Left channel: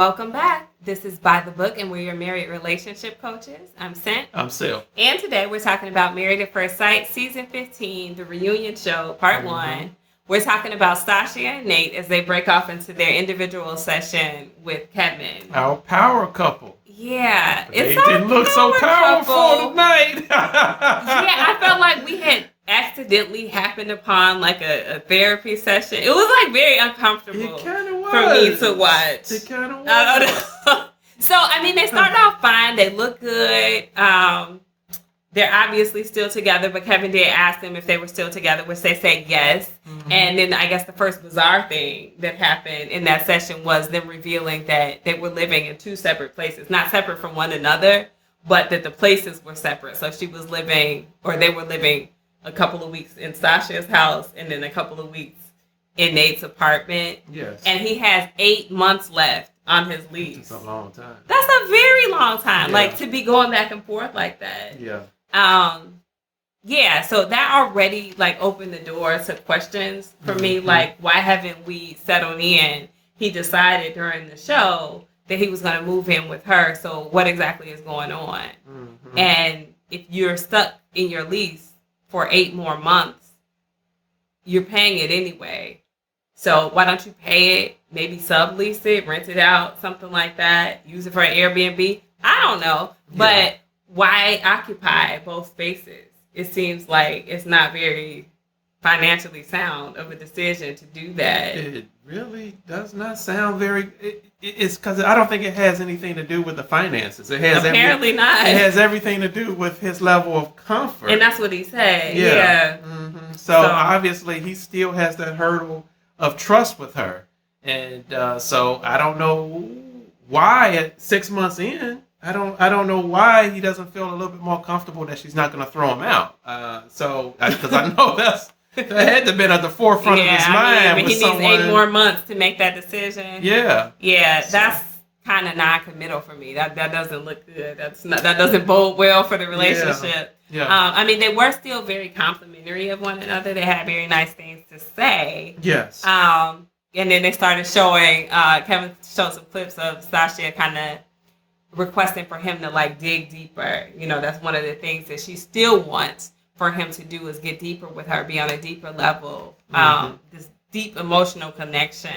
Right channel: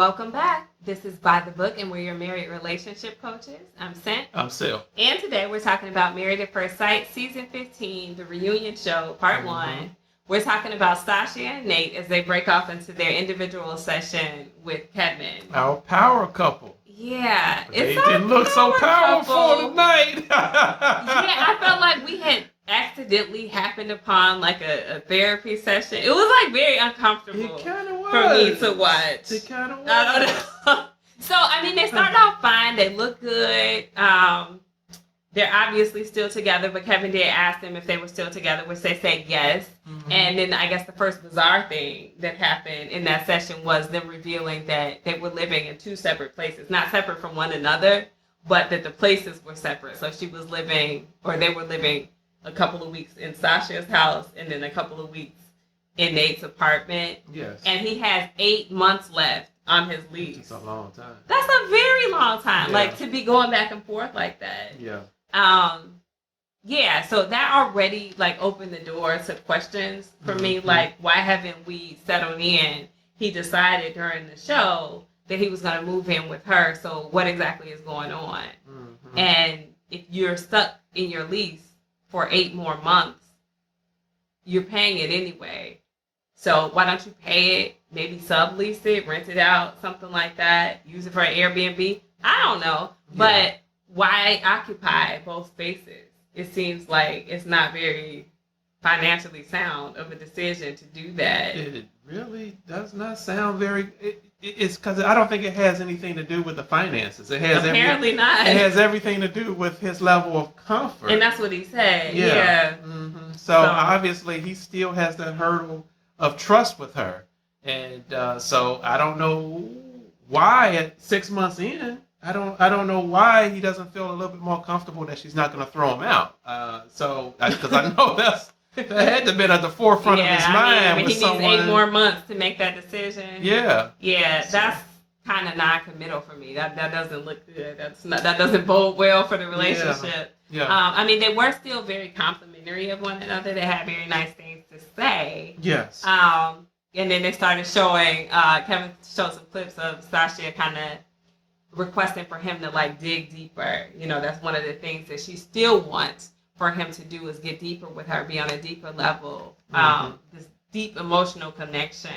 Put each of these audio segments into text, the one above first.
Welcome back. This is By the Book, and we're your married relationship coaches. I'm Sent. I'm Sil. And today we're talking about Married at First Sight, Season 15, the reunion show, Part 1. We're talking about Stacia and Nate as they break off into their individual session with Kevin. Our power couple. Yeah. They didn't look so powerful tonight. Yeah, I felt like we had accidentally happened upon like a therapy session. It was like very uncomfortable. It kind of was. For me to watch. It kind of was. I don't know. So, I mean, they started off fine. They look good. They're obviously still together, but Kevin did ask them if they were still together, which they said yes. Mm-hmm. And then I guess the first bizarre thing that happened in that session was them revealing that they were living in two separate places, not separate from one another, but that the places were separate. So they were living a couple of weeks in Sasha's house and then a couple of weeks in Nate's apartment. Yes. And he has 8 months left on his lease. That's a long time. That's a very long time. Yeah. Like to be going back and forth like that. Yeah. Yeah, so that already like opened the door to questions for me. Like, why haven't we settled in? He decided during the show that he was going to move in with her. So what exactly is going on? Mm-hmm. And if you're stuck in your lease for 8 more months, you're paying it anyway. So why don't you pay it? Maybe sublease it, rent it out, something like that. Use it for an Airbnb. I don't know. Yeah. But why occupy both spaces? It seems like it's not very financially sound of a decision to do that. It really does not sound very... It's because I don't think it has anything to do with the finances. It has Apparently not. It has everything to do with his level of comfort. And that's what he said. Yeah. Mm-hmm. So obviously he still has that hurdle of trust with her. And so I don't know why at 6 months in, I don't know why he doesn't feel a little bit more comfortable that she's not going to throw him out. Because I know that had to been at the forefront of his mind. He needs 8 more months to make that decision. Yeah. Yeah, that's kind of non-committal for me. That doesn't look good. That doesn't bode well for the relationship. Yeah. I mean, they were still very complimentary of one another. They had very nice things to say. Yes. And then they started showing. Kevin showed some clips of Stacia kind of requesting for him to like dig deeper. You know, that's one of the things that she still wants for him to do is get deeper with her, be on a deeper level, this deep emotional connection.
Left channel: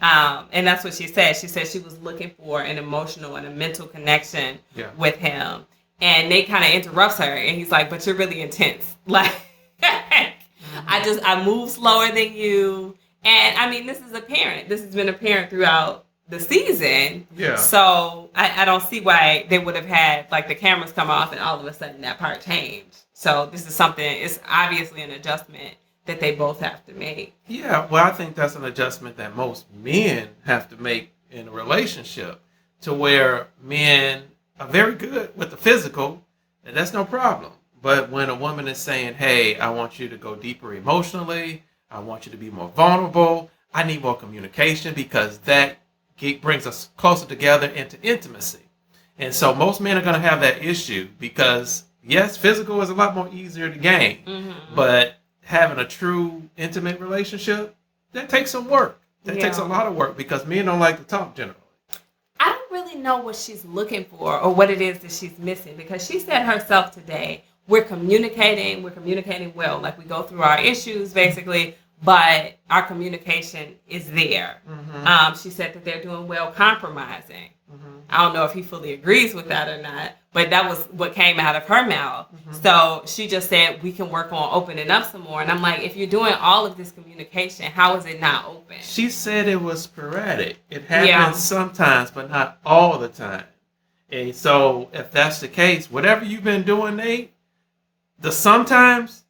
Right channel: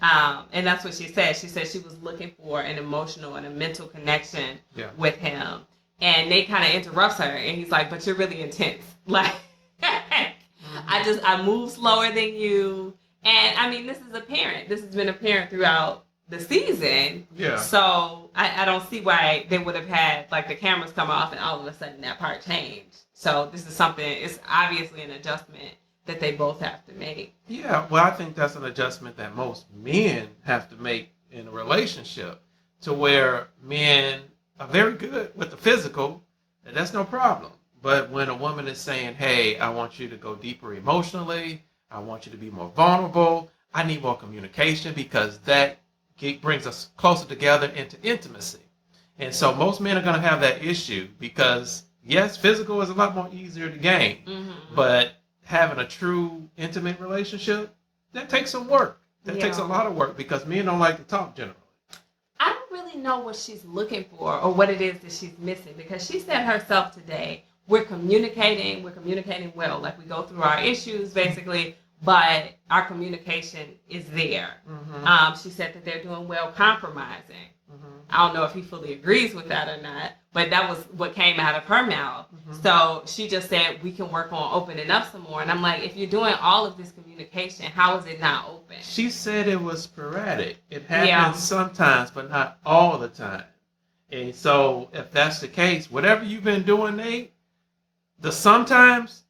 And that's what she said. She said she was looking for an emotional and a mental connection with him. And Nate kind of interrupts her and he's like, but you're really intense. Like, I move slower than you. And I mean, this is apparent. This has been apparent throughout the season. Yeah. So I don't see why they would have had like the cameras come off and all of a sudden that part changed. So this is something, it's obviously an adjustment that they both have to make. Yeah, well, I think that's an adjustment that most men have to make in a relationship, to where men are very good with the physical, and that's no problem. But when a woman is saying, hey, I want you to go deeper emotionally, I want you to be more vulnerable, I need more communication, because that brings us closer together into intimacy. And so most men are going to have that issue because, yes, physical is a lot more easier to gain, but having a true intimate relationship, that takes some work. That takes a lot of work because men don't like to talk generally. I don't really know what she's looking for or what it is that she's missing, because she said herself today, we're communicating well. Like we go through our issues basically, but our communication is there. She said that they're doing well compromising. I don't know if he fully agrees with that or not, but that was what came out of her mouth. So she just said, we can work on opening up some more. And I'm like, if you're doing all of this communication, how is it not open? She said it was sporadic. It happens sometimes, but not all the time. And so if that's the case, whatever you've been doing, Nate, sometimes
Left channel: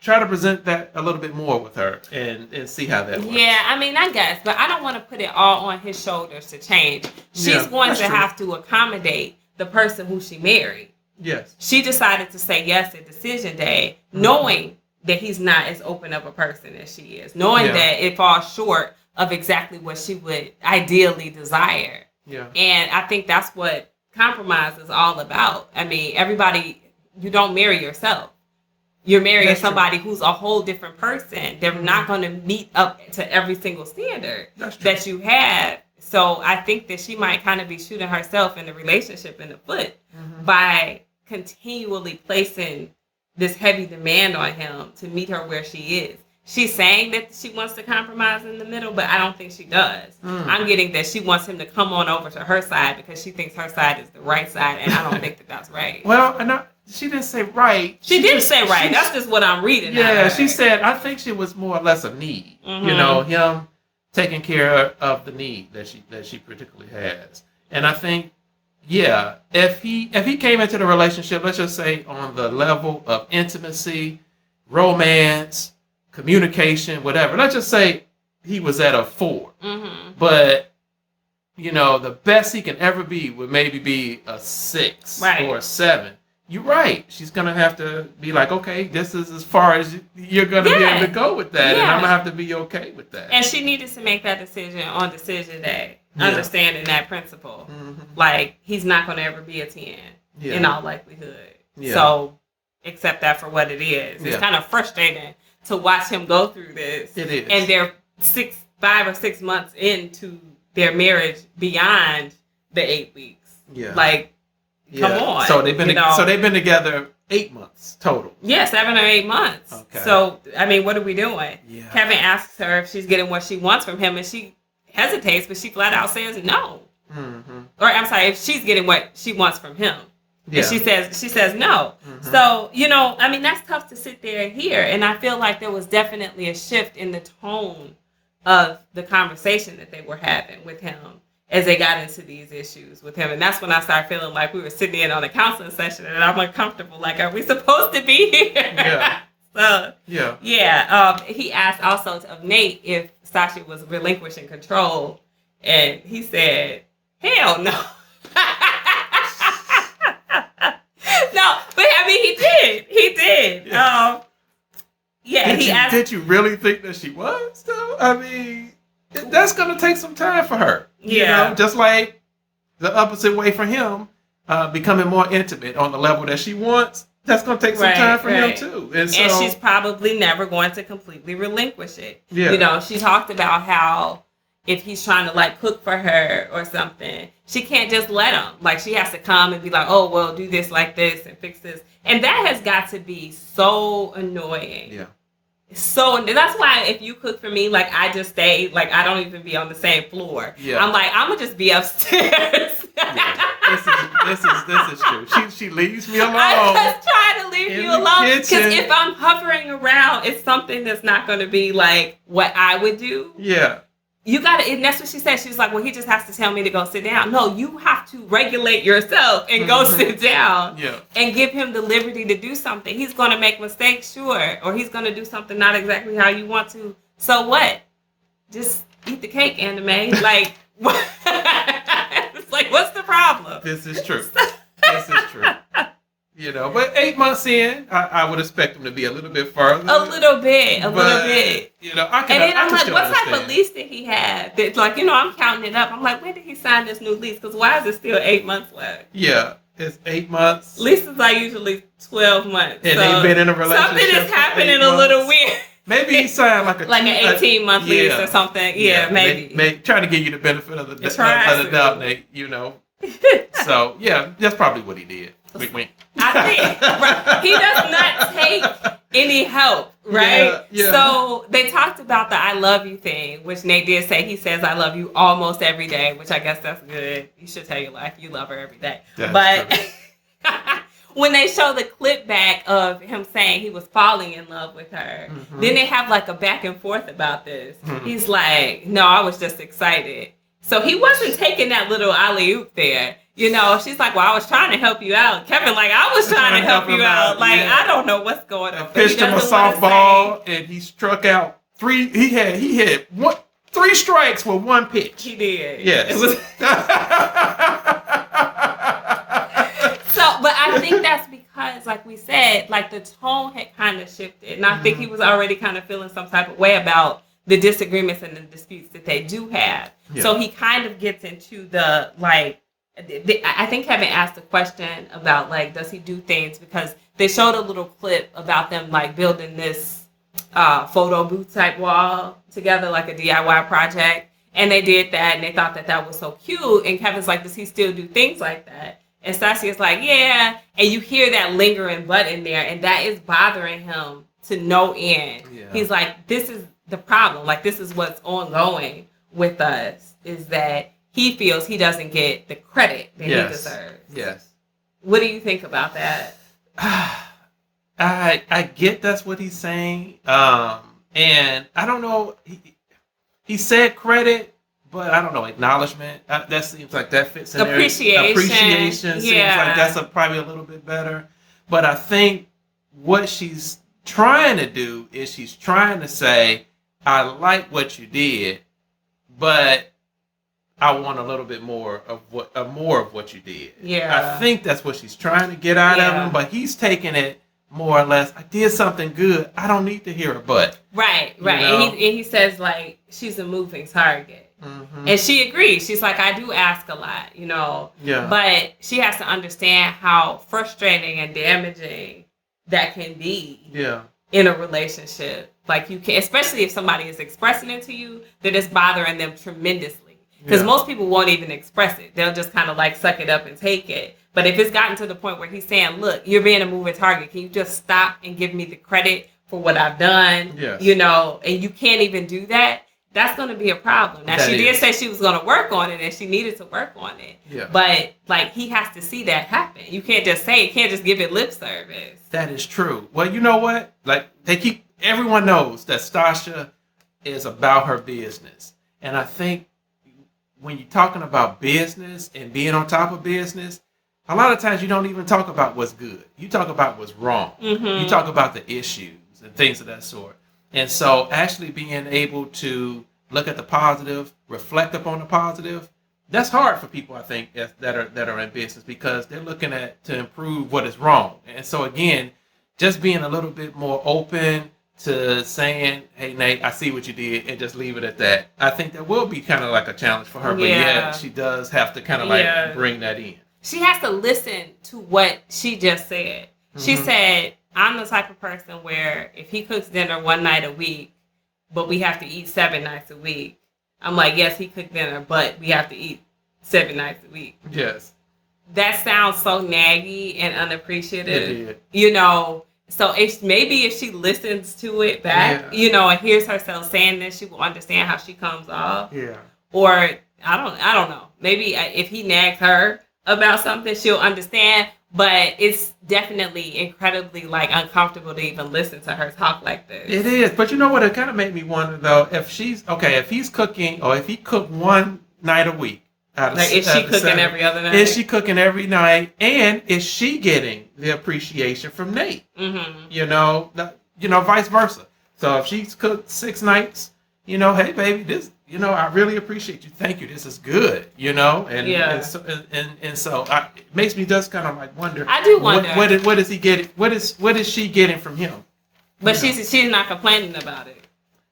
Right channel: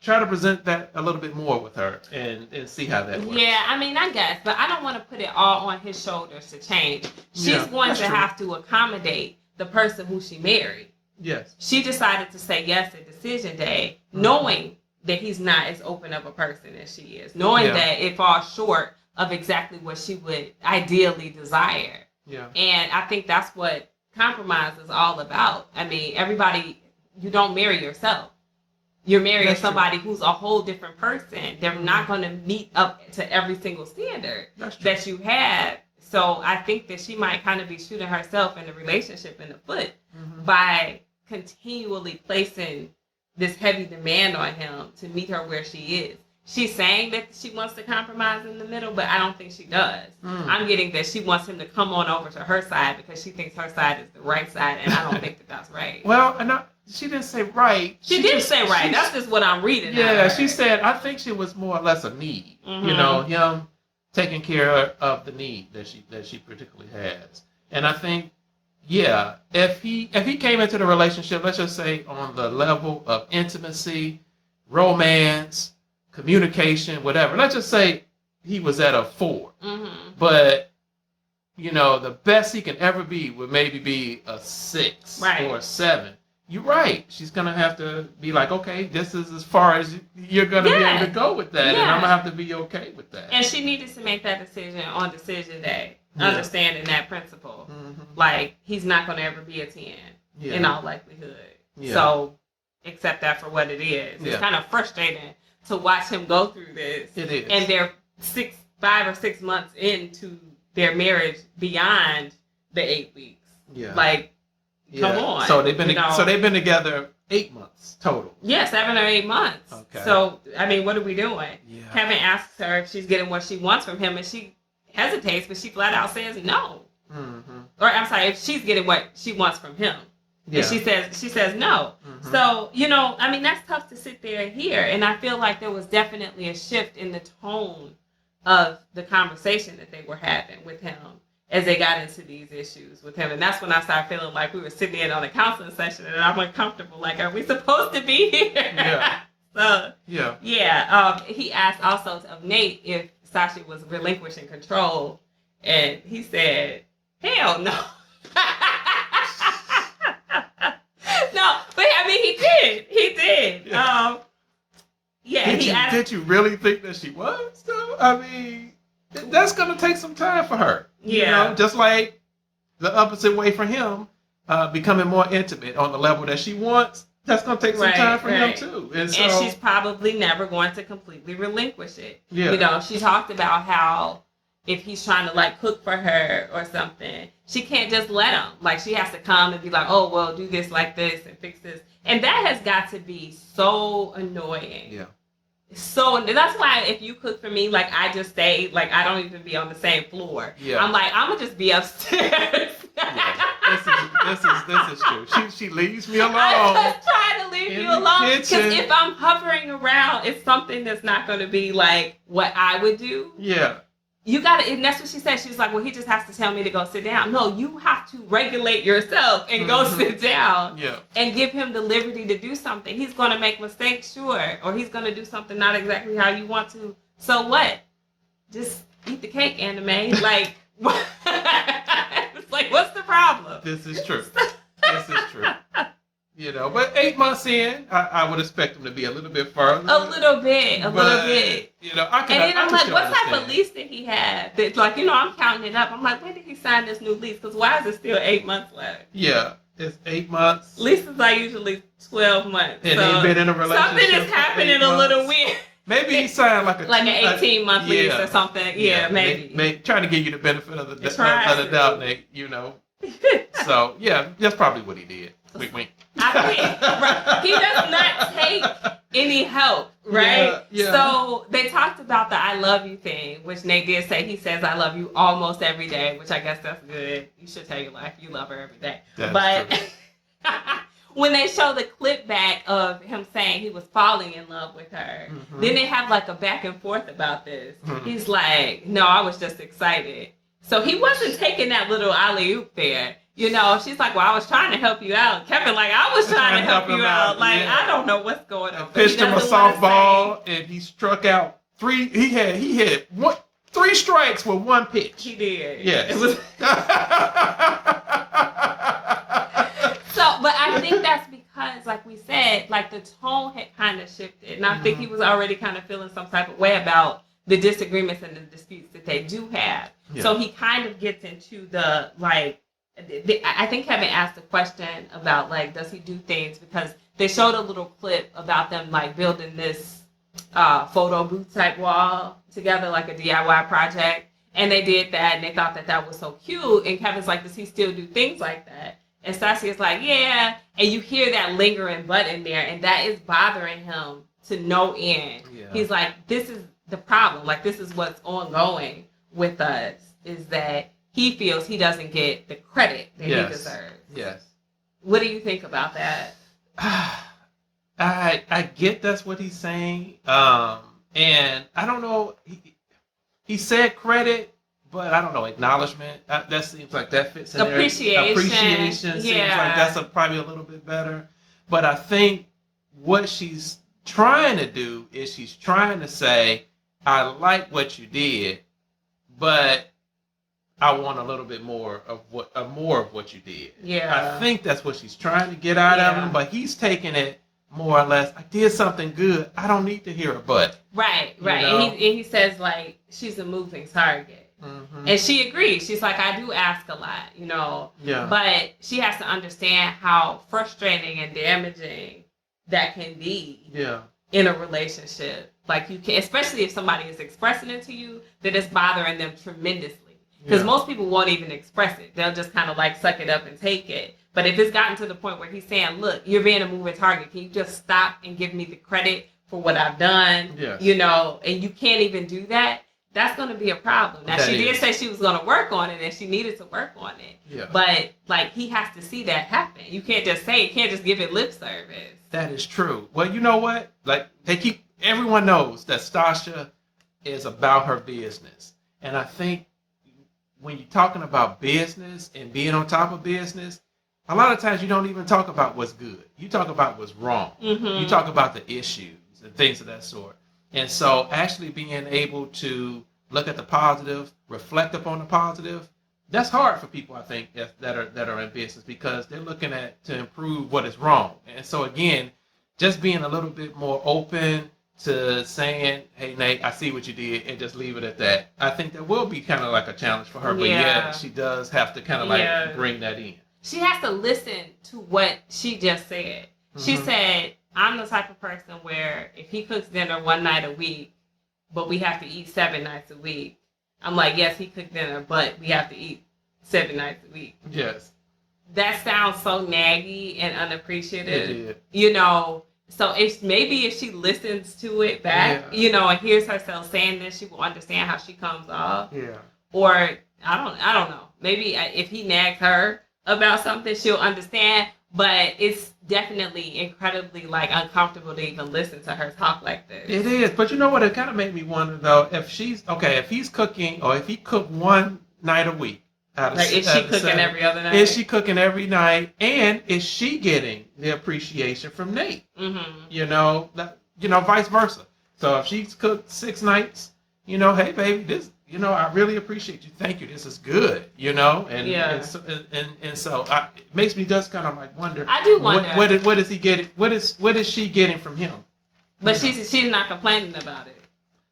try to present that a little bit more with her and see how that works. Yeah, I mean, I guess, but I don't want to put it all on his shoulders to change. She's going to have to accommodate the person who she married. Yes. She decided to say yes at decision day, knowing that he's not as open of a person as she is, knowing that it falls short of exactly what she would ideally desire. Yeah. And I think that's what compromise is all about. I mean, you don't marry yourself. You're marrying somebody who's a whole different person. They're not going to meet up to every single standard that you have. So I think that she might kind of be shooting herself in the relationship in the foot Mm-hmm. by continually placing this heavy demand on him to meet her where she is. She's saying that she wants to compromise in the middle, but I don't think she does. I'm getting that she wants him to come on over to her side because she thinks her side is the right side, and I don't think that that's right. Well, she didn't say right. She didn't say right. That's just what I'm reading. Yeah, she said, I think she was more or less a need. Mm-hmm. You know, him taking care of the need that she particularly has. And I think, yeah, if he came into the relationship, let's just say on the level of intimacy, romance, communication, whatever, let's just say he was at a 4. Mm-hmm. But, you know, the best he can ever be would maybe be a 6 or a 7. You're right. She's going to have to be like, okay, this is as far as you're going to be able to go with that. And I'm going to have to be okay with that. And she needed to make that decision on decision day, understanding that principle. Mm-hmm. Like, he's not going to ever be a 10 in all likelihood. Yeah. So accept that for what it is. It's kind of frustrating to watch him go through this. It is. And they're 5 or 6 months into their marriage beyond the 8 weeks. Yeah. Like, come on. So they've been together 8 months total. Yeah, 7 or 8 months. Okay. So, I mean, what are we doing? Yeah. Kevin asks her if she's getting what she wants from him, and she hesitates, but she flat out says no. Mm-hmm. Or I'm sorry, if she's getting what she wants from him. Yeah. And she says no. Mm-hmm. So, you know, I mean, that's tough to sit there and hear. And I feel like there was definitely a shift in the tone of the conversation that they were having with him as they got into these issues with him. And that's when I started feeling like we were sitting in on a counseling session and I'm uncomfortable. Like, are we supposed to be here? Yeah. So, he asked also of Nate if Stacia was relinquishing control. And he said, hell no. No, but I mean, he did. Yeah. Did you really think that she was, though? I mean, that's going to take some time for her. You know, just like the opposite way for him, becoming more intimate on the level that she wants. That's going to take some time for him, too. And she's probably never going to completely relinquish it. Yeah. You know, she talked about how if he's trying to, like, cook for her or something, she can't just let him. Like, she has to come and be like, oh, well, do this like this and fix this. And that has got to be so annoying. Yeah. So that's why if you cook for me, like, I just stay, like, I don't even be on the same floor. Yeah. I'm like, I'm going to just be upstairs. This is true. She leaves me alone. I just try to leave you alone. Because if I'm hovering around, it's something that's not going to be like what I would do. Yeah. You gotta, and that's what she said. She was like, well, he just has to tell me to go sit down. No, you have to regulate yourself and go sit down and give him the liberty to do something. He's going to make mistakes, sure, or he's going to do something not exactly how you want to. So what? Just eat the cake, anime. Like, it's like, what's the problem? This is true. This is true. You know, but 8 months in, I would expect him to be a little bit further. A little bit. You know, I can. And then I'm like, what understand. type of lease did he have? That, like, you know, I'm counting it up. I'm like, when did he sign this new lease? Because why is it still 8 months left? Yeah, it's 8 months. Leases are usually 12 months. And they've been in a relationship. Something is happening a little weird. Maybe he signed like an 18-month lease or something. Yeah, maybe. Trying to give you the benefit of the doubt, Nate. You know. So yeah, that's probably what he did. Wink, wink. I think he does not take any help, right? Yeah. So they talked about the I love you thing, which Nate did say. He says I love you almost every day, which I guess that's good. You should tell your wife you love her every day. But when they show the clip back of him saying he was falling in love with her, then they have like a back and forth about this. He's like, no, I was just excited. So he wasn't taking that little alley-oop there. You know, she's like, well, I was trying to help you out. Kevin, like, I was trying to help you out. Like, I don't know what's going on. I pitched him a softball, and he struck out 3. He had 3 strikes with 1 pitch. He did. Yes. It was... But I think that's because, like we said, like, the tone had kind of shifted. And I think he was already kind of feeling some type of way about the disagreements and the disputes that they do have. Yeah. So he kind of gets into the, like, I think Kevin asked a question about, like, does he do things? Because they showed a little clip about them, like, building this photo booth type wall together, like a DIY project. And they did that, and they thought that that was so cute. And Kevin's like, does he still do things like that? And Stacia's like, yeah. And you hear that lingering butt in there, and that is bothering him to no end. Yeah. He's like, this is the problem. Like, this is what's ongoing with us, is that he feels he doesn't get the credit that he deserves. Yes. What do you think about that? I get that's what he's saying. And I don't know. He said credit, but I don't know, acknowledgement. That seems like that fits in there. Appreciation seems like that's probably a little bit better. But I think what she's trying to do is she's trying to say, I like what you did, but I want a little bit more of what you did. Yeah. I think that's what she's trying to get out of him, but he's taking it more or less, I did something good. I don't need to hear a but. Right. You know? And he says, like, she's a moving target. Mm-hmm. And she agrees. She's like, I do ask a lot, you know. Yeah. But she has to understand how frustrating and damaging that can be in a relationship. Like, you can, especially if somebody is expressing it to you, that it's bothering them tremendously. Because most people won't even express it. They'll just kind of like suck it up and take it. But if it's gotten to the point where he's saying, look, you're being a moving target. Can you just stop and give me the credit for what I've done? Yes. You know, and you can't even do that. That's going to be a problem. Now, she did say she was going to work on it and she needed to work on it. Yeah. But, like, he has to see that happen. You can't just say it. You can't just give it lip service. That is true. Well, you know what? Like, everyone knows that Stacia is about her business. And I think when you're talking about business and being on top of business, a lot of times you don't even talk about what's good. You talk about what's wrong. Mm-hmm. You talk about the issues and things of that sort. And so actually being able to look at the positive, reflect upon the positive, that's hard for people, I think, that are in business, because they're looking at to improve what is wrong. And so again, just being a little bit more open to saying, hey, Nate, I see what you did, and just leave it at that. I think that will be kind of like a challenge for her. But she does have to kind of like bring that in. She has to listen to what she just said. Mm-hmm. She said, I'm the type of person where if he cooks dinner one night a week, but we have to eat 7 nights a week, I'm like, yes, he cooked dinner, but we have to eat 7 nights a week. Yes. That sounds so naggy and unappreciative. It did. You know, so if she listens to it back, you know, and hears herself saying this, she will understand how she comes off. Yeah. Or I don't know. Maybe if he nags her about something, she'll understand. But it's definitely incredibly like uncomfortable to even listen to her talk like this. It is. But you know what? It kind of made me wonder though, if he's cooking, or if he cooked one night a week. Is she cooking every other night? Is she cooking every night? And is she getting the appreciation from Nate? Mm-hmm. You know, vice versa. So if she's cooked 6 nights, you know, hey baby, this, you know, I really appreciate you. Thank you. This is good. You know, and so it makes me just kind of like wonder. I do wonder what is he getting? What is she getting from him? But she's not complaining about it.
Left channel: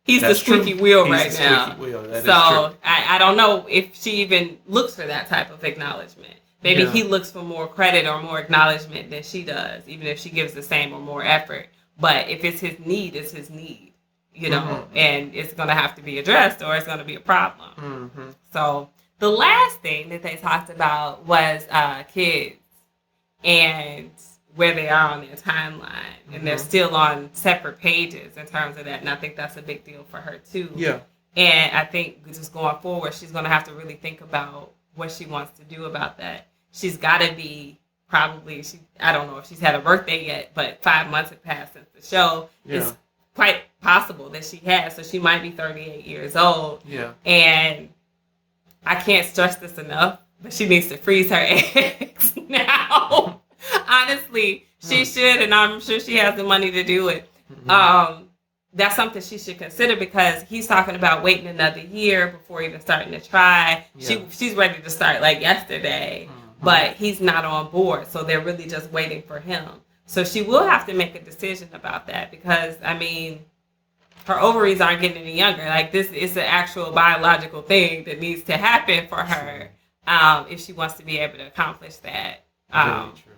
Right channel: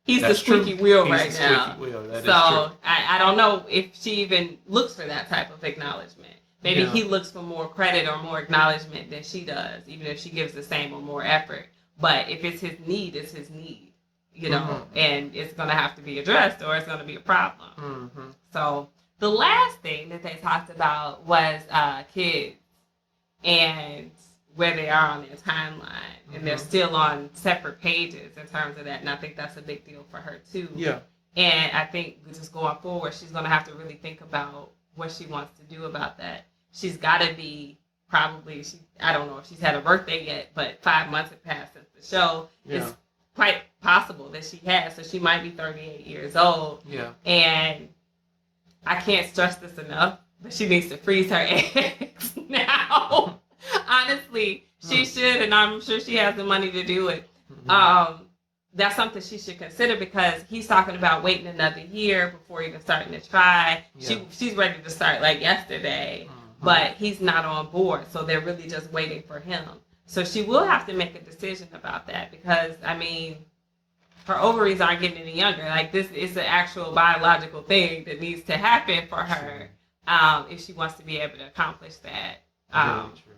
He's the squeaky wheel right now. Squeaky wheel. That is true. I don't know if she even looks for that type of acknowledgement. Maybe he looks for more credit or more acknowledgement than she does, even if she gives the same or more effort. But if it's his need, it's his need, you know, and it's going to have to be addressed or it's going to be a problem. Mm-hmm. So the last thing that they talked about was kids and where they are on their timeline, and they're still on separate pages in terms of that, and I think that's a big deal for her too. Yeah. And I think just going forward, she's going to have to really think about what she wants to do about that. She's got to be probably, I don't know if she's had a birthday yet, but 5 months have passed since the show. Yeah. It's quite possible that she has, so she might be 38 years old. Yeah. And I can't stress this enough, but she needs to freeze her eggs now. Honestly, she should, and I'm sure she has the money to do it. Mm-hmm. That's something she should consider, because he's talking about waiting another year before even starting to try. Yeah. She's ready to start like yesterday, but he's not on board, so they're really just waiting for him. So she will have to make a decision about that, because, I mean, her ovaries aren't getting any younger. Like, this is an actual biological thing that needs to happen for her if she wants to be able to accomplish that. Very true.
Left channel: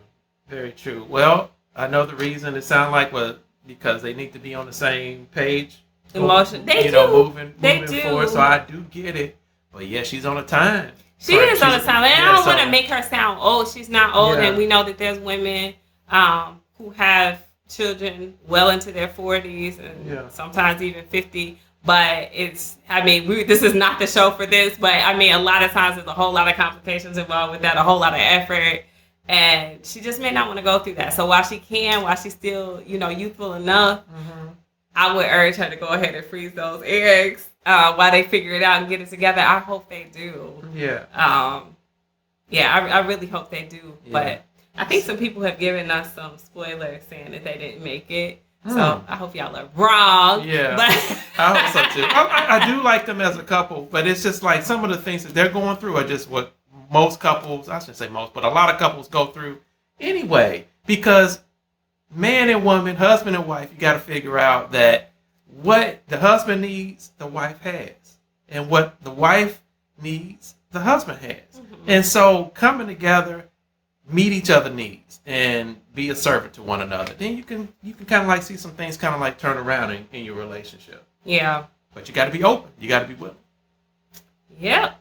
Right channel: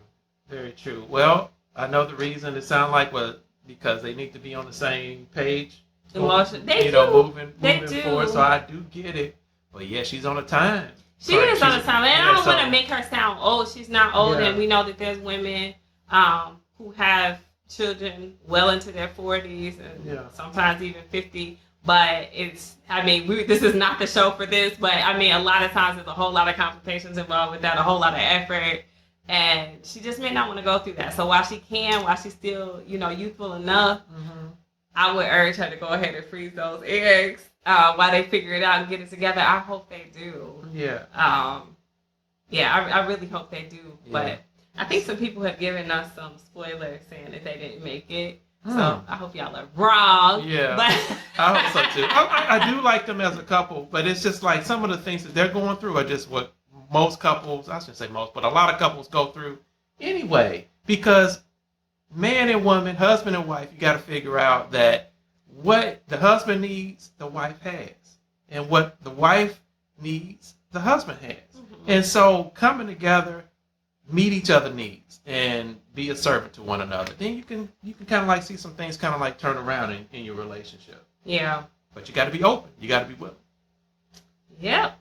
Very true. Well, I know the reason it sounds like was because they need to be on the same page. Moving forward. So I do get it. But yeah, she's on a time. She is on a time. And I don't want to so, make her sound old. She's not old. And we know that there's women who have children well into their 40s and sometimes even 50. But this is not the show for this. But I mean, a lot of times there's a whole lot of complications involved with that, a whole lot of effort. And she just may not want to go through that. So while she's still, youthful enough, I would urge her to go ahead and freeze those eggs while they figure it out and get it together. I hope they do. Yeah. I really hope they do. Yeah. But I think some people have given us some spoilers saying that they didn't make it. So I hope y'all are wrong. Yeah. But I hope so too. I do like them as a couple, but it's just like some of the things that they're going through are just what most couples, I shouldn't say most, but a lot of couples go through anyway. Because man and woman, husband and wife, you got to figure out that what the husband needs, the wife has. And what the wife needs, the husband has. And so coming together, meet each other's needs and be a servant to one another. Then you can kind of like see some things kind of like turn around in your relationship. Yeah. But you got to be open. You got to be willing. Yep.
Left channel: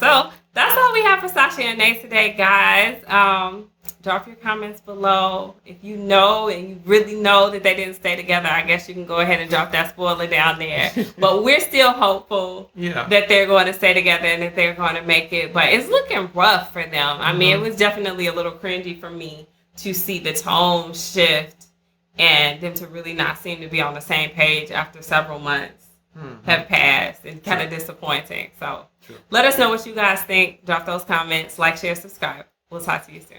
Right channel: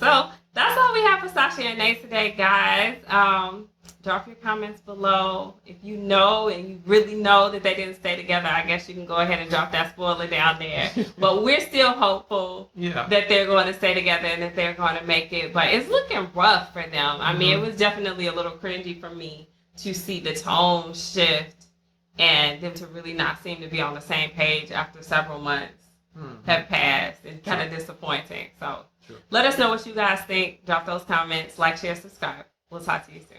So that's all we have for Stacia and Nate today, guys. Drop your comments below. If you know and you really know that they didn't stay together, I guess you can go ahead and drop that spoiler down there. But we're still hopeful that they're going to stay together and that they're going to make it. But it's looking rough for them. I mean, it was definitely a little cringy for me to see the tone shift and them to really not seem to be on the same page after several months have passed, and kind of disappointing. So let us know what you guys think. Drop those comments, like, share, subscribe. We'll talk to you soon.